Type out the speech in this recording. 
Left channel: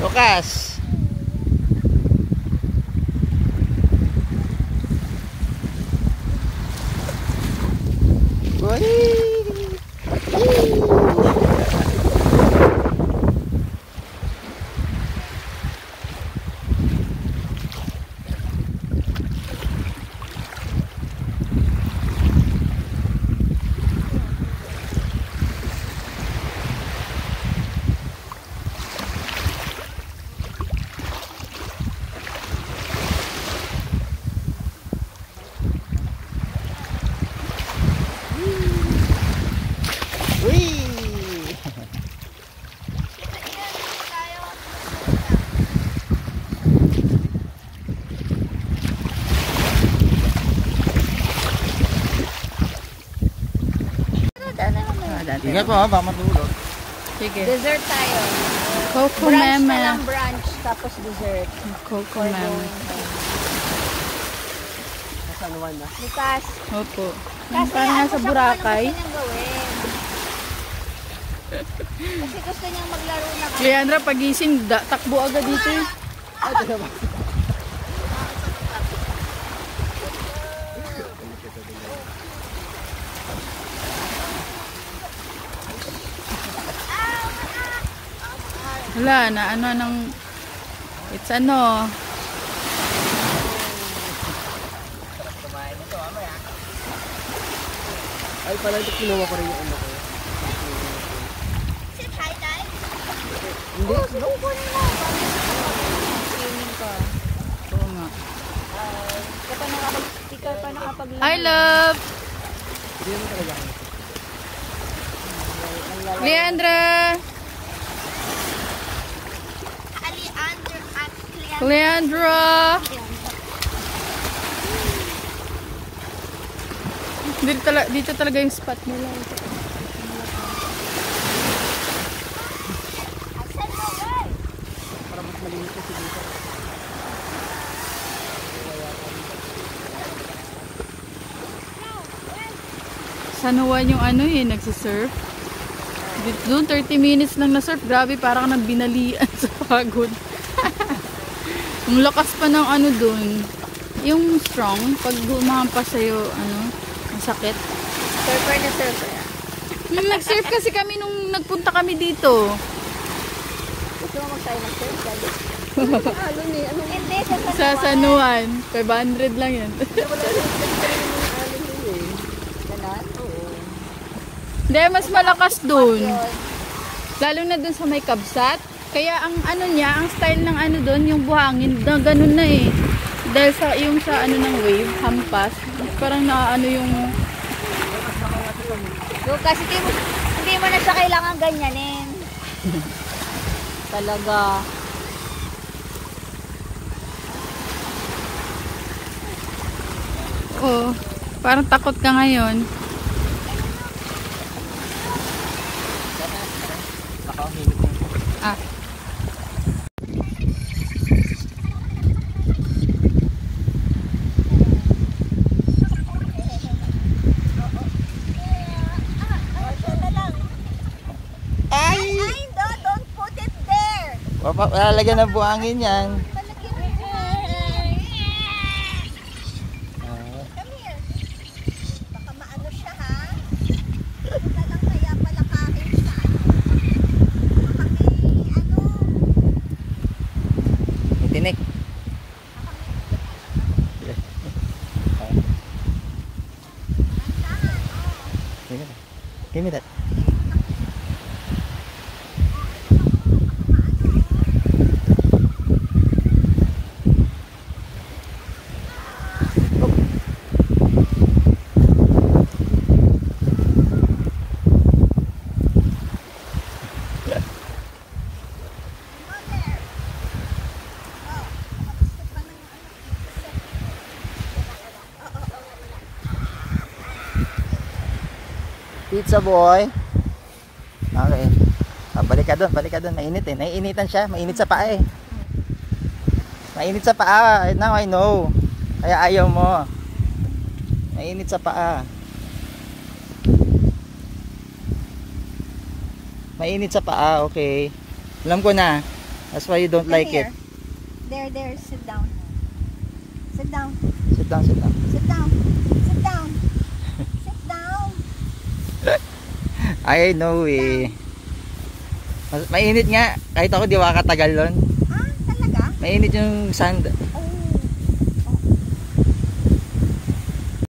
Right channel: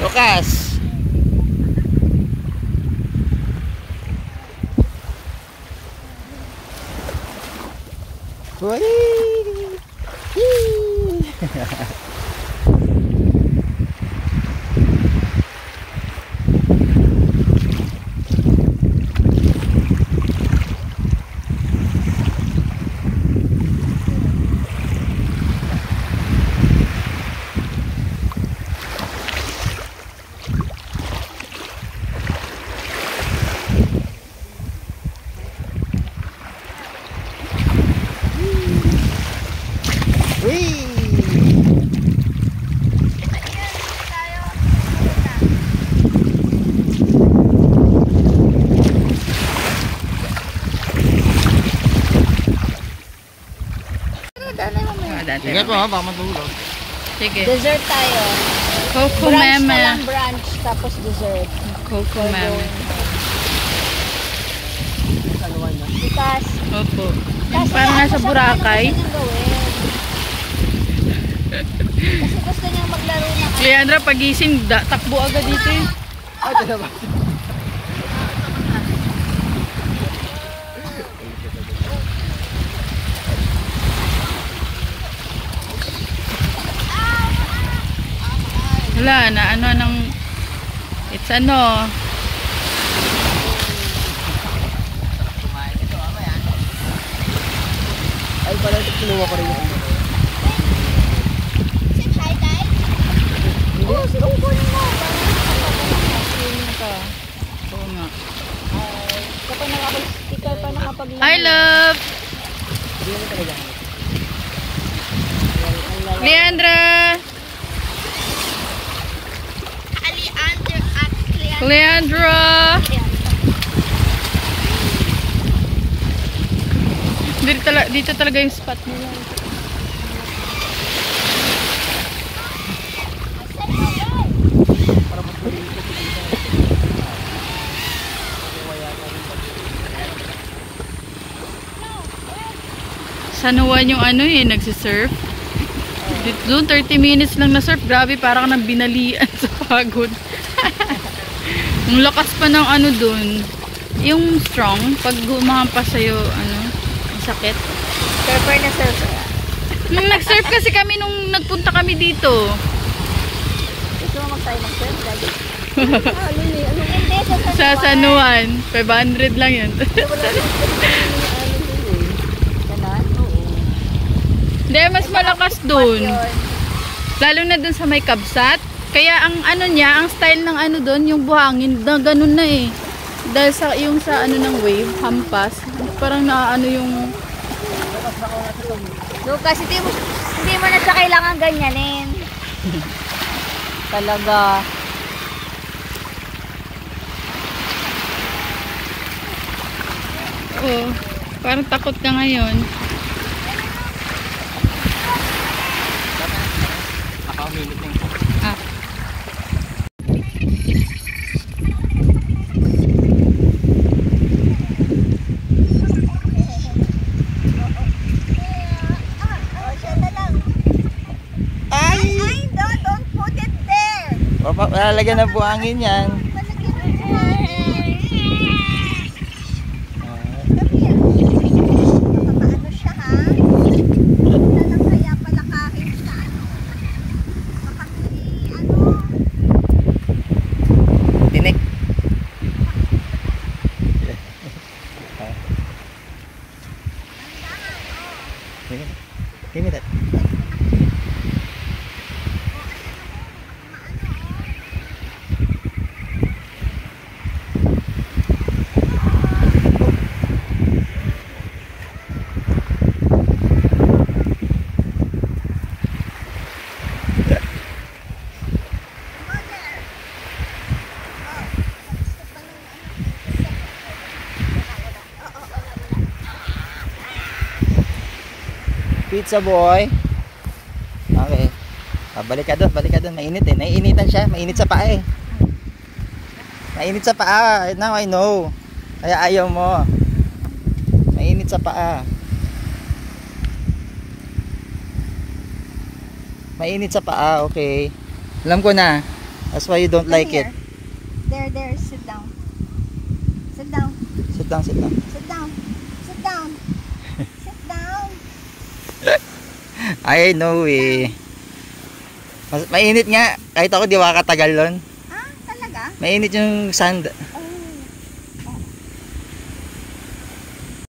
Lucas. Uy. Ingat mo ha, baka matulog. Sige. Dessert tayo. Coco Brunch Meme. pa lang, brunch, tapos dessert. Coco Meme. Saluan na. Bukas. Opo. Yung parang nasa Boracay. Kasi gusto niyang maglaro na. Leandra, pagising, takbo agad dito eh. Ay, talaga. Wala na, ano nang it's ano. Ay, parang kinuha ko rin yung ano. Sit high dive? Hindi. Oo nga. Ikaw pa nakapag-iwan. I love Hindi mo talaga. Leandra. Leandra. Dito talaga yung spot nila. San Juan yung ano eh, nagsisurf. Doon 30 minutes lang na surf. Grabe, parang nang binalian sa pagod. Ang lakas pa ng ano doon. Yung strong, pag gumahampas sa'yo, ano, ang sakit. Surfer na surfer. Nung nag-surf kasi kami nung nagpunta kami dito. Ikaw mag-tayo ng surf. Sa San Juan. 500 lang yun. Hindi, mas malakas doon. Lalo na doon sa may kabsat. Kaya ang ano niya, ang style ng ano doon, yung buhangin, na ganun na eh. Dahil sa yung sa ano ng wave, hampas, parang naano yung Kasi hindi mo na siya kailangan ganyanin. Talaga. oh, parang takot ka ngayon. Ah. Don't put it there. Lalagyan ng buhangin yan. Tinik. Give me that. Pizza boy. Okay. Balik ka doon, mainit eh. Naiinitan siya, mainit sa paa eh. Mainit sa paa. Now I know. Kaya ayaw mo. Mainit sa paa. Mainit sa paa, okay. Alam ko na. That's why you don't Come like here. it. There, sit down. Sit down. Sit down, sit down. Sit down. Sit down. Sit down. I know eh. Mainit nga. Kahit ako di makakatagal nun. Ah, talaga? Mainit yung sand.